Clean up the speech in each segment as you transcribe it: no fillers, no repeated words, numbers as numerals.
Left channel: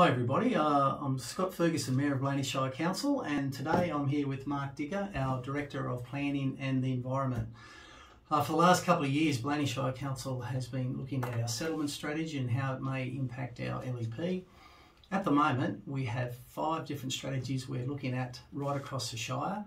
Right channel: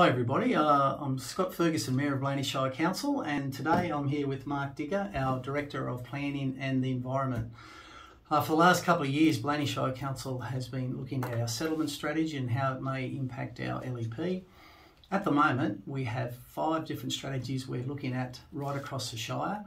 Hi everybody, I'm Scott Ferguson, Mayor of Blayney Shire Council, and today I'm here with Mark Digger, our Director of Planning and the Environment. For the last couple of years, Blayney Shire Council has been looking at our settlement strategy and how it may impact our LEP. At the moment, we have 5 different strategies we're looking at right across the Shire,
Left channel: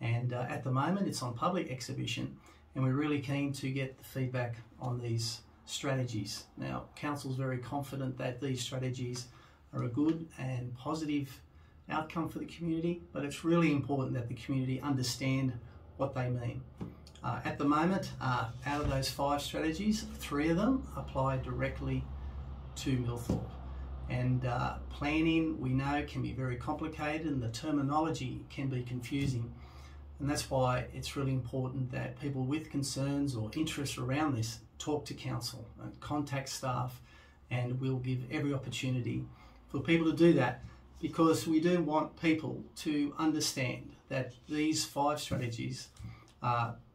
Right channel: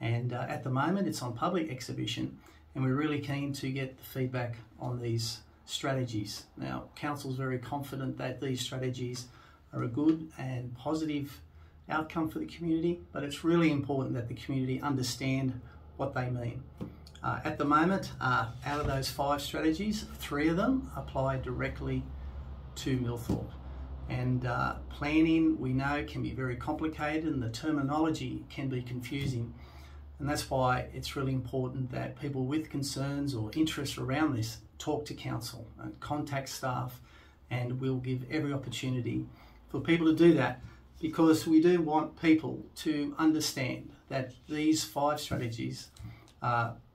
and at the moment it's on public exhibition, and we're really keen to get the feedback on these strategies. Now, Council's very confident that these strategies are a good and positive outcome for the community, but it's really important that the community understand what they mean. At the moment, out of those 5 strategies, 3 of them apply directly to Millthorpe. And planning, we know, can be very complicated and the terminology can be confusing. And that's why it's really important that people with concerns or interests around this talk to council and contact staff, and we'll give every opportunity for people to do that, because we do want people to understand that these 5 strategies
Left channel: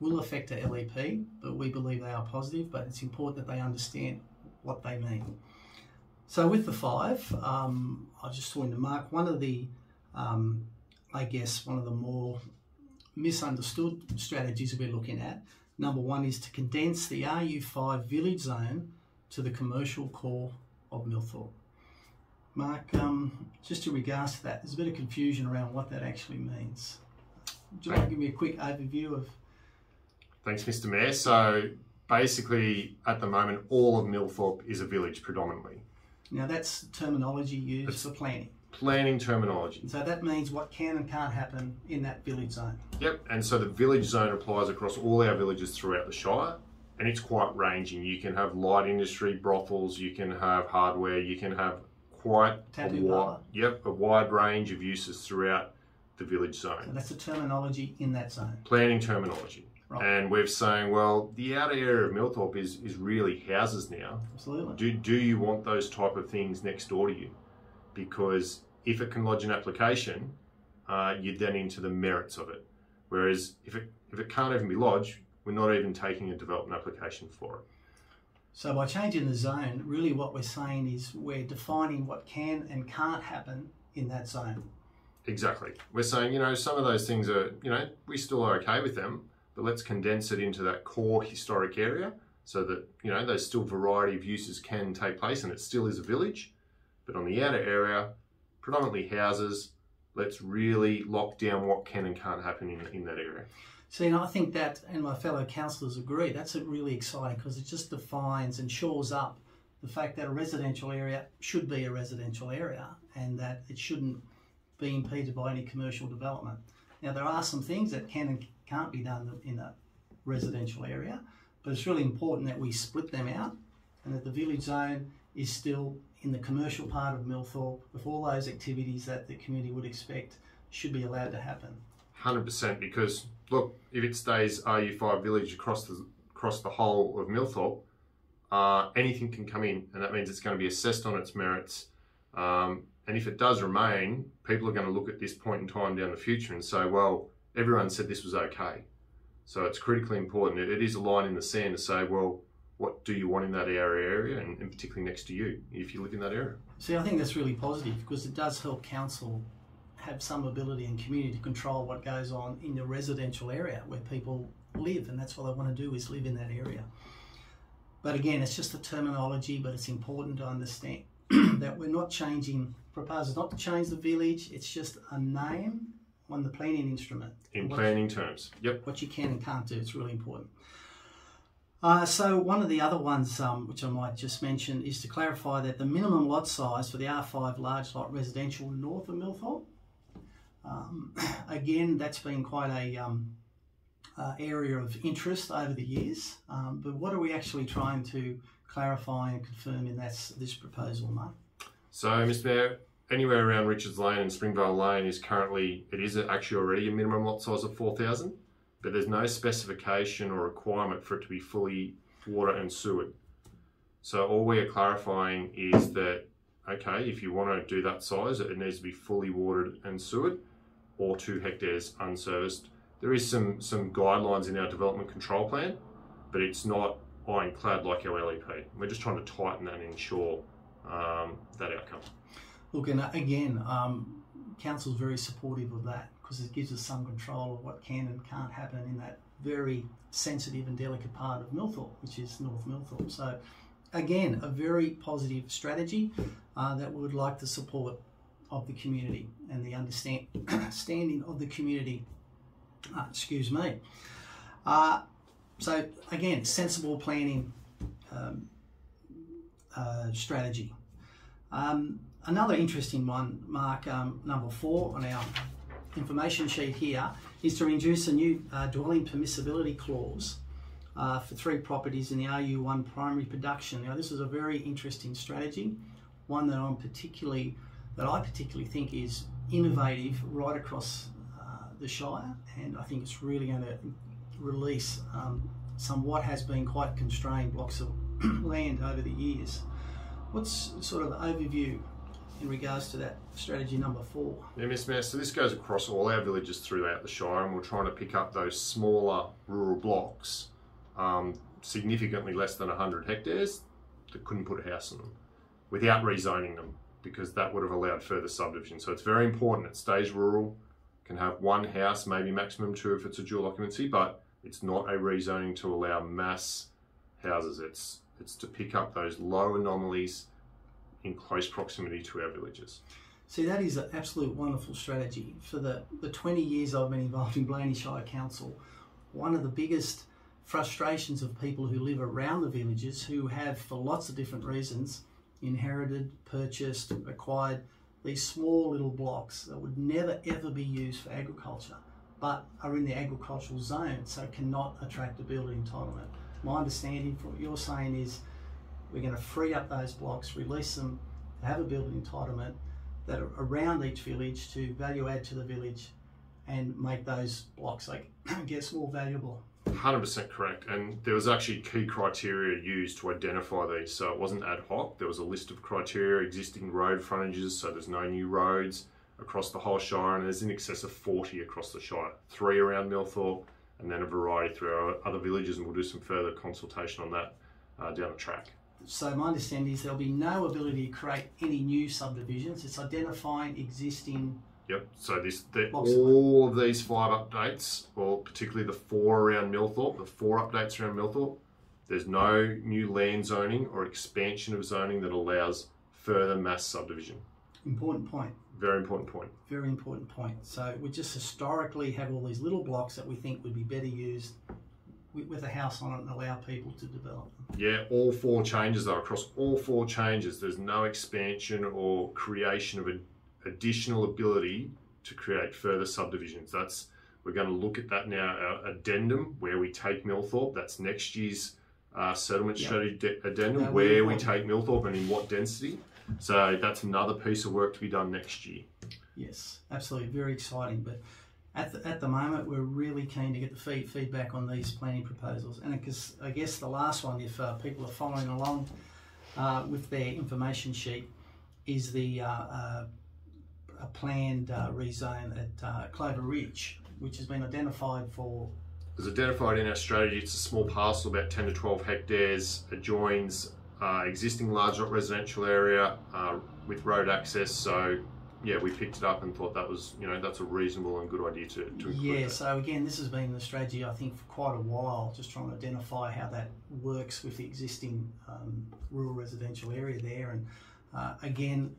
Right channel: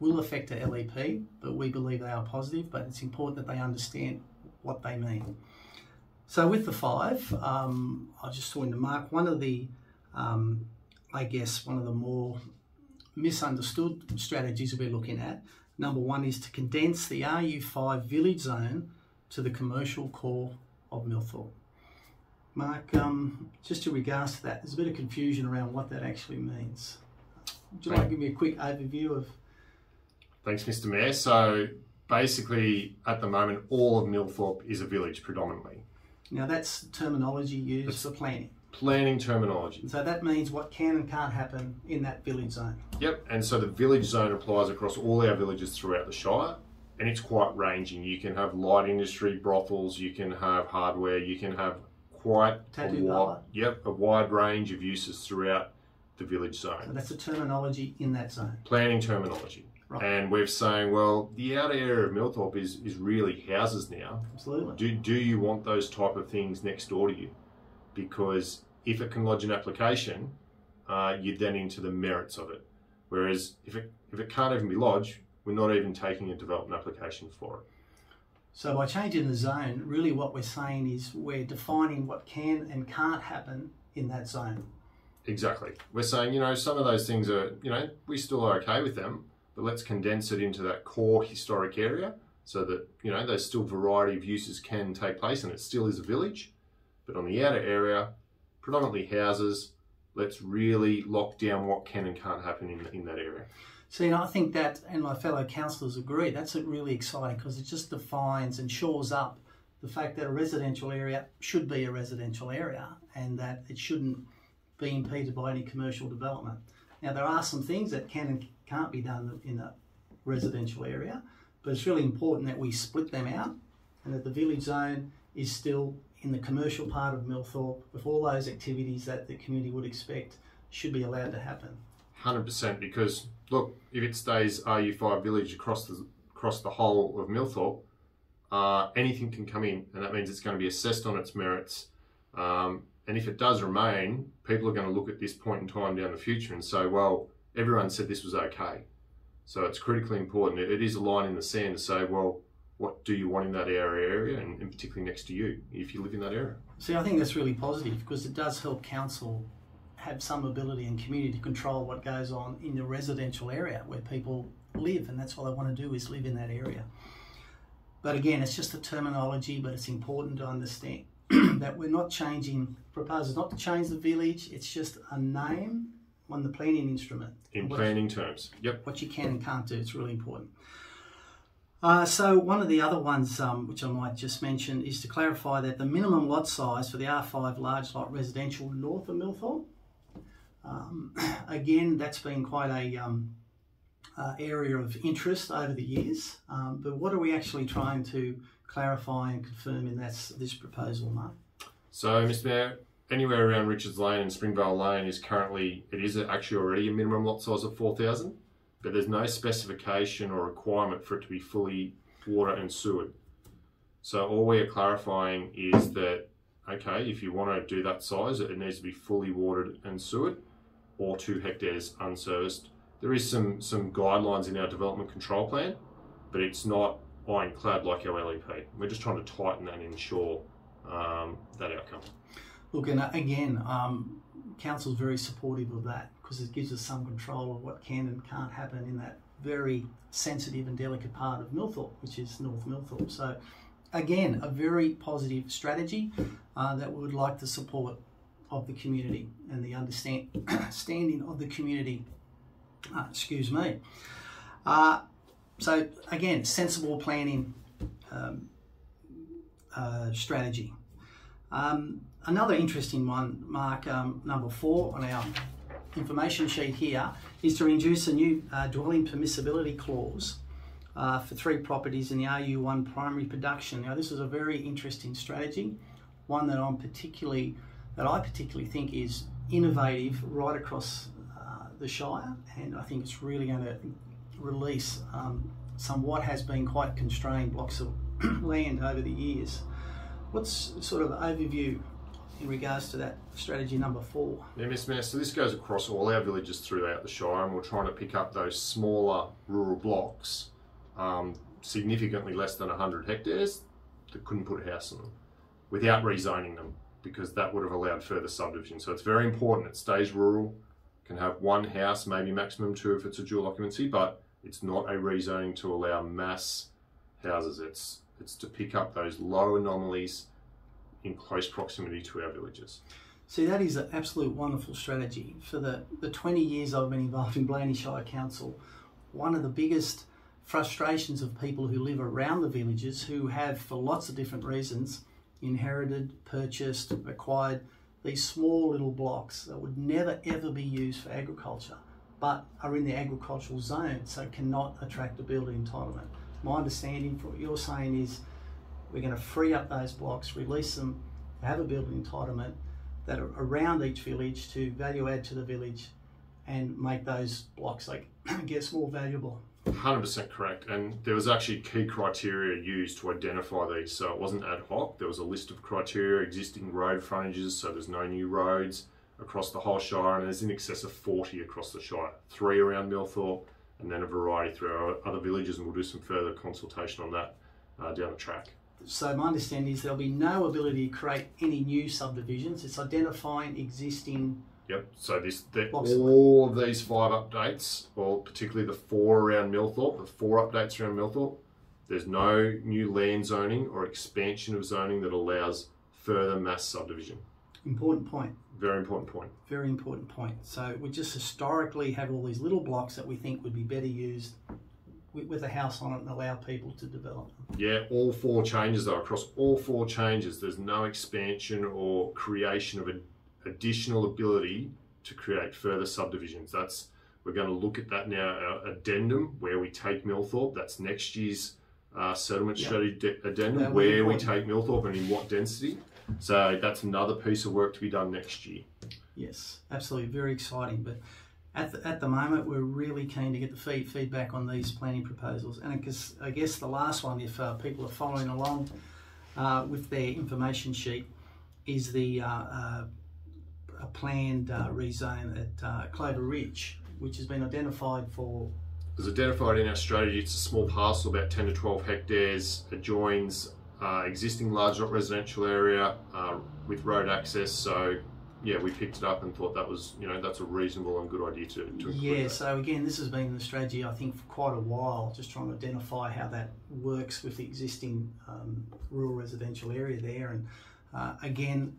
will affect the LEP, but we believe they are positive, but it's important that they understand what they mean. So with the 5, I just wanted to mark one of the, I guess, one of the more misunderstood strategies we're looking at. Number 1 is to condense the RU5 village zone to the commercial core of Millthorpe. Mark, just in regards to that, there's a bit of confusion around what that actually means. Would you like to give me a quick overview of? Thanks, Mr. Mayor. So basically, at the moment, all of Millthorpe is a village predominantly. Now that's terminology used for planning. Planning terminology. So that means what can and can't happen in that village zone. Yep, and so the village zone applies across all our villages throughout the Shire, and it's quite ranging. You can have light industry, brothels, you can have hardware, you can have quite a wide range of uses throughout the village zone. So that's the terminology in that zone. Planning terminology. Right. And we're saying, well, the outer area of Millthorpe is really houses now. Absolutely. Do you want those type of things next door to you? Because if it can lodge an application, you're then into the merits of it. Whereas if it can't even be lodged, we're not even taking a development application for it. So by changing the zone, really what we're saying is we're defining what can and can't happen in that zone. Exactly. We're saying, some of those things are, we still are okay with them, but let's condense it into that core historic area so that, those still variety of uses can take place and it still is a village. But on the outer area, predominantly houses, let's really lock down what can and can't happen in that area. See, and I think that, and my fellow councillors agree, that's really exciting because it just defines and shores up the fact that a residential area should be a residential area and that it shouldn't be impeded by any commercial development. Now, there are some things that can and can't be done in a residential area, but it's really important that we split them out and that the village zone is still in the commercial part of Millthorpe with all those activities that the community would expect should be allowed to happen. 100%, because look, if it stays RU5 village across the whole of Millthorpe, anything can come in, and that means it's going to be assessed on its merits. And if it does remain, people are going to look at this point in time down the future and say, well, everyone said this was okay. So it's critically important. It is a line in the sand to say, well, what do you want in that area and particularly next to you if you live in that area? See, I think that's really positive because it does help council have some ability and community to control what goes on in the residential area where people live, and that's what they want to do is live in that area. But again, it's just a terminology, but it's important to understand that we're not changing, proposals not to change the village, it's just a name on the planning instrument. In planning terms, yep. What you can and can't do, it's really important. So one of the other ones, which I might just mention, is to clarify that the minimum lot size for the R5 large lot residential north of Millthorpe, again, that's been quite a area of interest over the years, but what are we actually trying to clarify and confirm in this proposal, Mark? So, Mr. Mayor, anywhere around Richards Lane and Springvale Lane is actually already a minimum lot size of 4,000, but there's no specification or requirement for it to be fully water and sewered. So all we are clarifying is that, okay, if you want to do that size, it needs to be fully watered and sewered, or 2 hectares unserviced. There is some guidelines in our development control plan, but it's not ironclad like our LEP. We're just trying to tighten that and ensure that outcome. Look, and again, council's very supportive of that because it gives us some control of what can and can't happen in that very sensitive and delicate part of Millthorpe, which is North Millthorpe. So again, a very positive strategy that we would like the support of the community and the understanding of the community. Excuse me. So again, sensible planning strategy. Another interesting one, Mark, number 4 on our information sheet here, is to introduce a new dwelling permissibility clause for 3 properties in the RU1 primary production. Now, this is a very interesting strategy, one that I particularly think is innovative right across the Shire, and I think it's really going to release some what has been quite constrained blocks of land over the years. What's sort of overview in regards to that strategy number 4? Yeah, Mr. Mayor, so this goes across all our villages throughout the Shire, and we're trying to pick up those smaller rural blocks, significantly less than 100 hectares, that couldn't put a house in them, without rezoning them, because that would have allowed further subdivision. So it's very important it stays rural, can have 1 house, maybe maximum 2 if it's a dual occupancy, but it's not a rezoning to allow mass houses. It's to pick up those low anomalies in close proximity to our villages. See, that is an absolute wonderful strategy. For the 20 years I've been involved in Blayney Shire Council, one of the biggest frustrations of people who live around the villages, who have, for lots of different reasons, inherited, purchased, acquired these small little blocks that would never ever be used for agriculture, but are in the agricultural zone, so cannot attract a building entitlement. My understanding from what you're saying is we're going to free up those blocks, release them, have a building entitlement that are around each village to value add to the village and make those blocks, like, get more valuable. 100% correct, and there was actually key criteria used to identify these, so it wasn't ad hoc. There was a list of criteria, existing road frontages, so there's no new roads across the whole Shire, and there's in excess of 40 across the Shire, 3 around Millthorpe, and then a variety through our other villages, and we'll do some further consultation on that down the track. So my understanding is there'll be no ability to create any new subdivisions. It's identifying existing. Yep, so all of these 5 updates, or particularly the 4 around Millthorpe, the 4 updates around Millthorpe, there's no new land zoning or expansion of zoning that allows further mass subdivision. Important point. Very important point. Very important point. So we just historically have all these little blocks that we think would be better used with a house on it and allow people to develop them. Yeah, all 4 changes though, across all 4 changes, there's no expansion or creation of an additional ability to create further subdivisions. We're going to look at that now, our addendum, where we take Millthorpe. That's next year's settlement strategy addendum, where we take Millthorpe and in what density. So that's another piece of work to be done next year. Yes, absolutely, very exciting. But at the moment, we're really keen to get the feedback on these planning proposals. And I guess the last one, if people are following along with their information sheet, is the a planned rezone at Clover Ridge, which has been identified for. It was identified in our strategy. It's a small parcel, about 10 to 12 hectares. Adjoins existing large residential area with road access. So yeah, we picked it up and thought that was, that's a reasonable and good idea to include. Yeah, that. so again, this has been the strategy, I think, for quite a while, just trying to identify how that works with the existing rural residential area there. And again,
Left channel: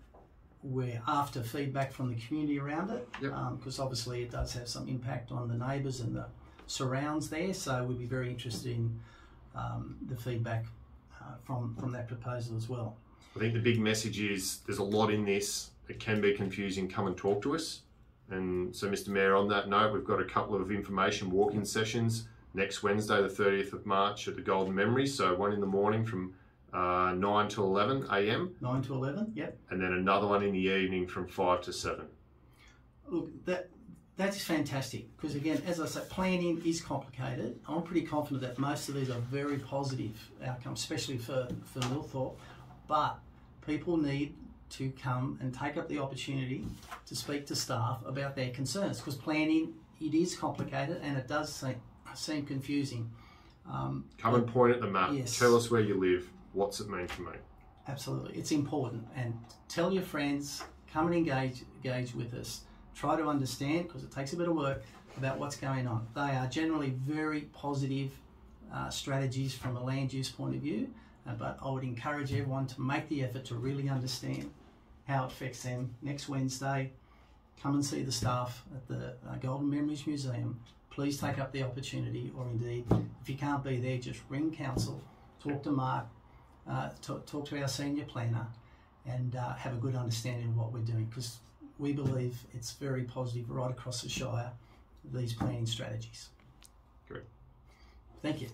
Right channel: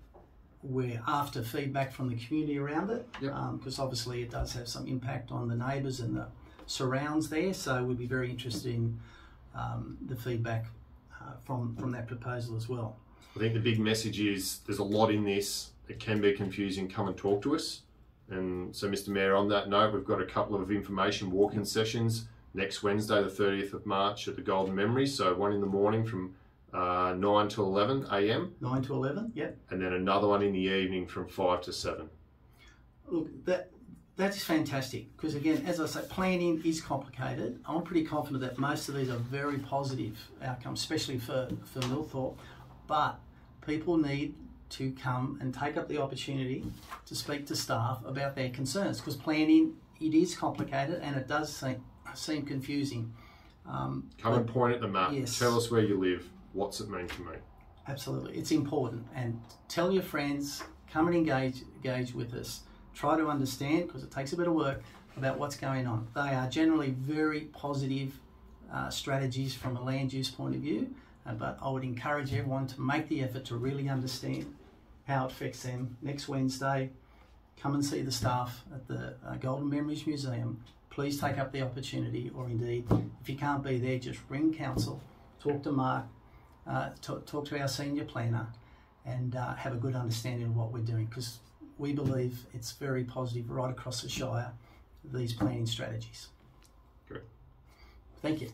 we're after feedback from the community around it, because obviously it does have some impact on the neighbours and the surrounds there. So we'd be very interested in the feedback from that proposal as well. I think the big message is there's a lot in this. It can be confusing. Come and talk to us. And so, Mr. Mayor, on that note, we've got a couple of information walk-in sessions next Wednesday, the 30th of March at the Golden Memory. So one in the morning from 9 to 11 a.m. 9 to 11, yep. And then another one in the evening from 5 to 7. Look, that is fantastic, because again, as I say, planning is complicated. I'm pretty confident that most of these are very positive outcomes, especially for Millthorpe, but people need to come and take up the opportunity to speak to staff about their concerns, because planning, it is complicated and it does seem confusing. Come and point at the map. Yes. Tell us where you live. What's it mean to me? Absolutely, it's important. And tell your friends, come and engage with us. Try to understand, because it takes a bit of work, about what's going on. They are generally very positive strategies from a land use point of view, but I would encourage everyone to make the effort to really understand how it affects them. Next Wednesday, come and see the staff at the Golden Memories Museum. Please take up the opportunity, or indeed, if you can't be there, just ring council, talk to Mark, talk to our senior planner, and have a good understanding of what we're doing, because we believe it's very positive right across the Shire, these planning strategies. Great. Thank you.